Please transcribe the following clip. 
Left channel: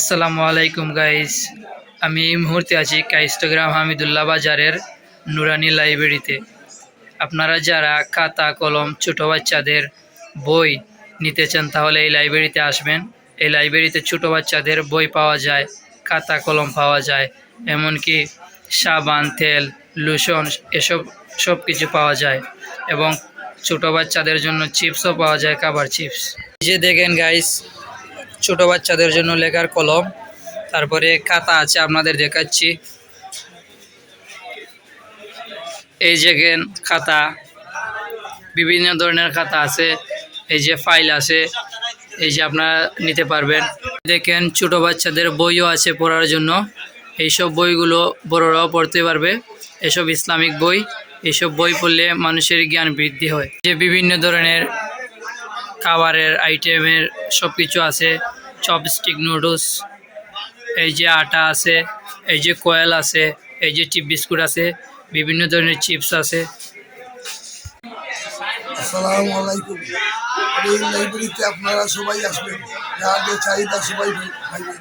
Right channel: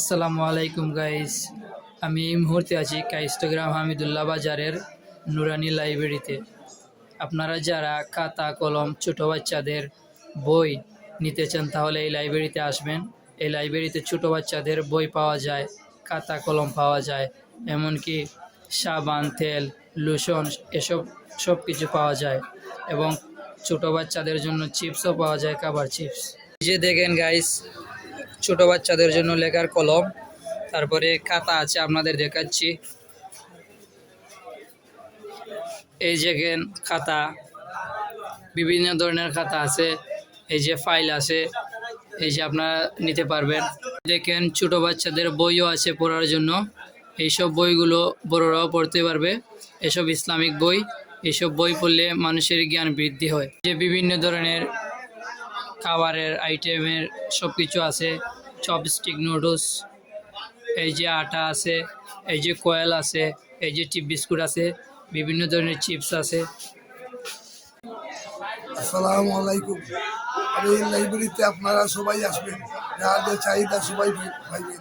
আসসালামু আলাইকুম গাইস। আমি এই মুহূর্তে আছি কাইস্টোগ্রাম হামিদুল্লাহ বাজারের নুরানি লাইব্রেরিতে। আপনারা যারা খাতা কলম ছোট বাচ্চাদের বই নিতে চান তাহলে এই লাইব্রেরিতে আসবেন। এই লাইব্রেরিতে ছোট বাচ্চাদের বই পাওয়া যায়, খাতা কলম পাওয়া যায়, এমনকি সাবান তেল লোশন সব কিছু পাওয়া যায় এবং ছোট বাচ্চাদের জন্য চিপসও পাওয়া যায়, খাবার চিপস। এই যে দেখেন গাইস, ছোট বাচ্চাদের জন্য লেখার কলম, তারপরে খাতা আছে, আপনাদের দেখাচ্ছি। এই যে খাতা, বিভিন্ন ধরনের খাতা আছে, এই যে ফাইল আছে, এই যে আপনারা নিতে পারবেন। দেখেন ছোট বাচ্চাদের বইও আছে পড়ার জন্য। এইসব বইগুলো বড়রাও পড়তে পারবে। এসব ইসলামিক বই, এইসব বই পড়লে মানুষের জ্ঞান বৃদ্ধি হয়। যে বিভিন্ন ধরনের খাবারের আইটেমের সব কিছু আছে, চপস্টিক নুডলস, এই যে আটা আছে, এই যে কয়েল আছে, এই যে চিপ বিস্কুট আছে, বিভিন্ন ধরনের চিপস আছে। আসসালামু আলাইকুম। এই লাইব্রেরিতে আপনারা সবাই আসবেন, যাদের চাহিদা সবাই পাইবেন।